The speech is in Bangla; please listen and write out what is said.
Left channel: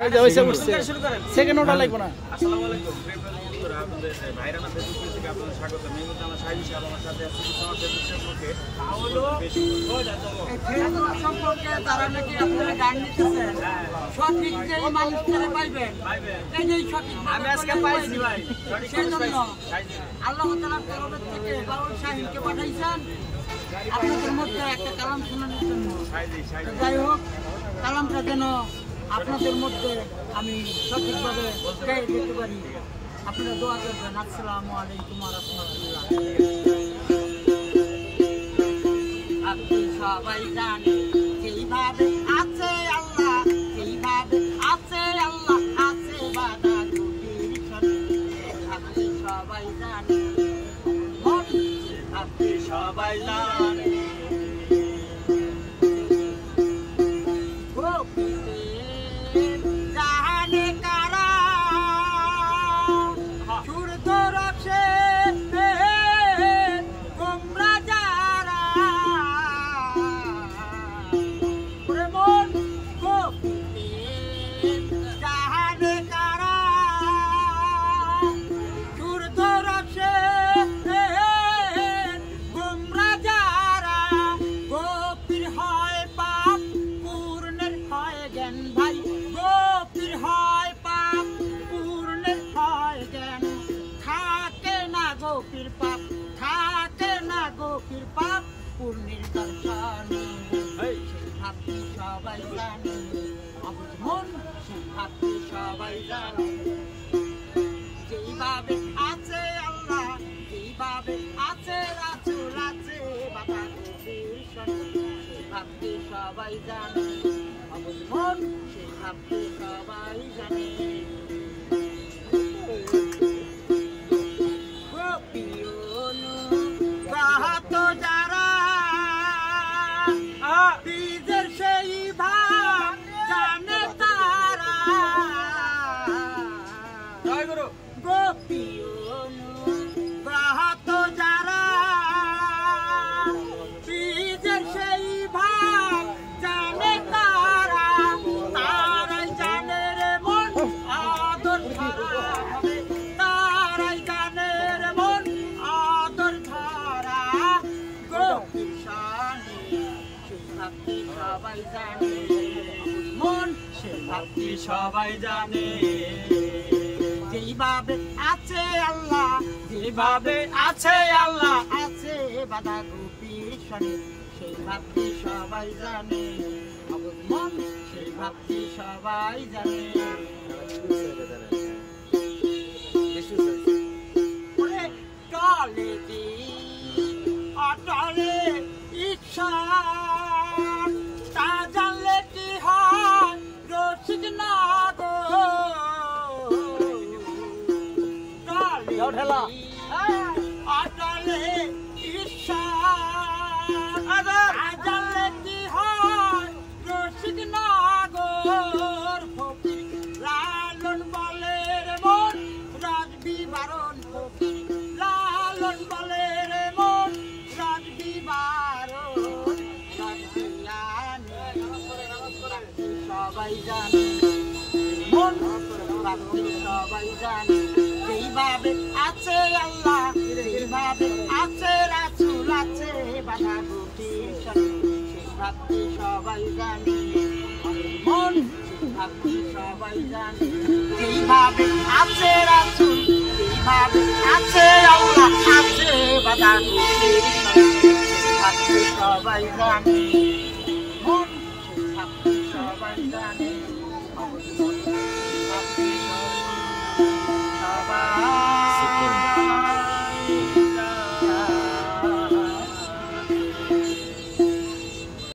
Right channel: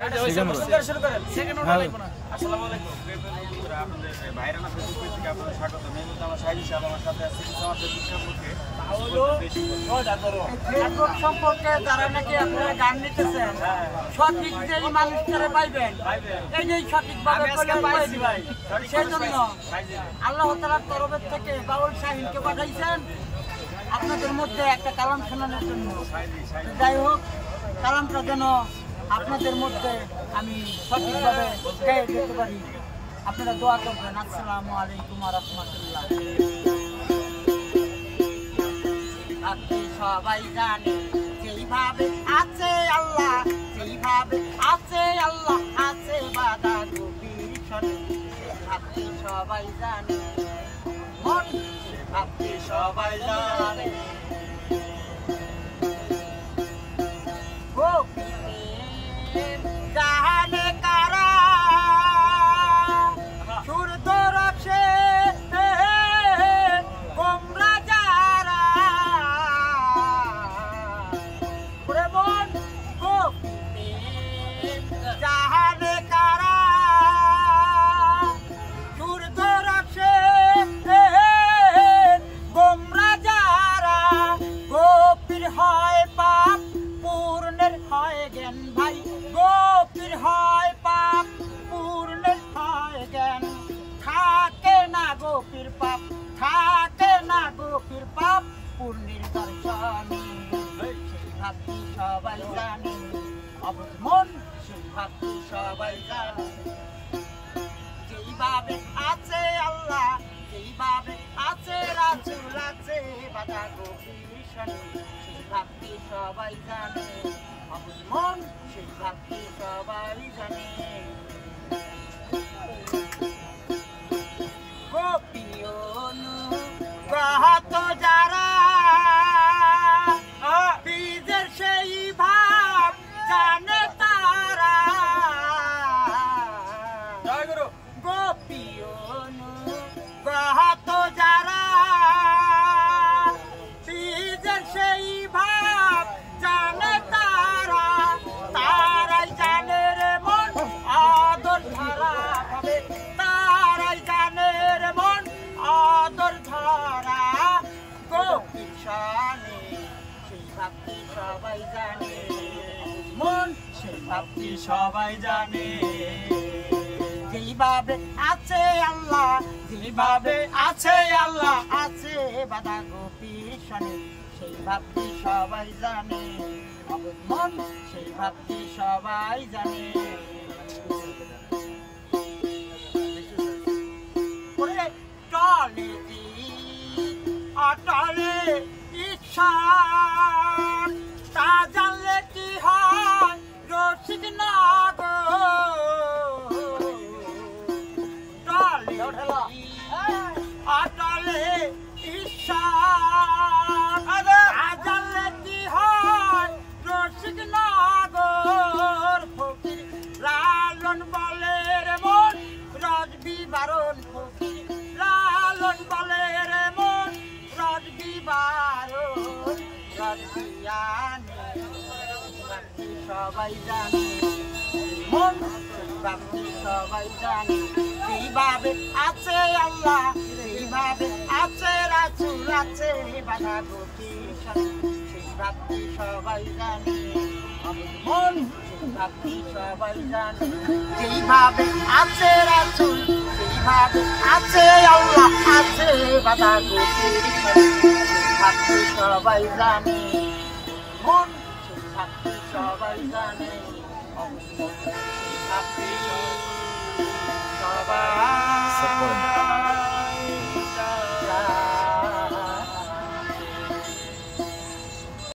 আসসালামু আলাইকুম বন্ধুরা, আপনাদের ভাইরানা ফেসবুক পেজ থেকে আপনাদের স্বাগত। এই মুহূর্তে আমার সাইজি সাহেব আমার সাথে আছে কিছু আমার ফেসবুক সম্পর্কে ফেসবুক সম্পর্কে যারা নাকি আপনারা গান নিতেছেন সঠিক যেই মানুষটারে পাইবেন এই যে সঠিকভাবে পাইছি ভাই, সেই জন্য আল্লাহ তাআলার তরফ থেকে বাউল শাহিনকে পাঠাইছেন আপনাদের মধ্যে একটা কালাম শোনানোর জন্য। যাই হোক, কালামটা যেন আপনাদের মধ্যে আমি সঠিকভাবে গেয়ে দিতে পারি, আপনারা দোয়া করবেন। আসসালামু আলাইকুম ওয়া রাহমাতুল্লাহ। আপনি সবাই জানেন যেইভাবে আছে আল্লাহ, যেইভাবে আছে আল্লাহ, আছে বাধা গভীর সনে। আপনি সবাই জানেন মন, আপনি সবাই জানেন জানে কারা সূর্য রাখে গোমরা যারা মন গোপীতে জানে কারা সূর্য রাখে গোমরা যারা গোপীর হয় পাপ পূর্ণের হয় জ্ঞান ভাই, গোপীর হয় পাপ পূর্ণের হয় জ্ঞান। থাকে না গোপীর পাপ, থাকে না গোপীর পাপ পূর্ণের দর্শনে। সেই ভাবটি সবাই জানে, অবুঝ মন সেই ভাবটি সবাই জানে। যেইভাবে আছে আল্লাহ, যেইভাবে আছে রাসূল, আছে বাধা গভীর সনে। সেই ভাবটি সবাই জানে, অবুঝ মন সেই ভাবটি সবাই জানে। গোপিয়নু গাহাত যারা বীজের সেই ভাব জানে তারা। গোপিয়নু গাহাত যারা বীজের সেই ভাব জানে তারা। তারাই জানে রে মন আদর ধারা হবে, তারাই জানে রে মন আদর ধারা। গোপীর শানে সেই ভাবটি সবাই জানে, মন সেই ভাবটি সবাই জানে। যেইভাবে আছে আল্লাহ, যেইভাবে আছে আল্লাহ, আছে বাধা গভীর সনে। সেই ভাবটি সবাই জানে, অবুঝ মন সেই ভাবটি সবাই জানে। টলে অটলে ইচ্ছা তা জানলে কি হয় রসিক নগর। টলে অটলে ইচ্ছা তা জানলে কি হয় রসিক নগর। ফকির লালন বলে রে মন রাজবি বারণ, ফকির লালন বলে রে মন রাজবি বারণ। রাজবিয়ানে রাজবি সবাই জানে, মন রাজবি সবাই জানে। যেইভাবে আছে আল্লাহ, যেইভাবে আছে রাসূল, আছে বাধা গভীর সনে। সেই ভাবটি সবাই জানে, মন সেই ভাবটি সবাই জানে। যেইভাবে আছে রাসূল, যেইভাবে আছে আল্লাহ, আছে বাধা গভীর সনে। সেই ভাবটি সবাই জানে, মন সেই ভাবটি সবাই জানে।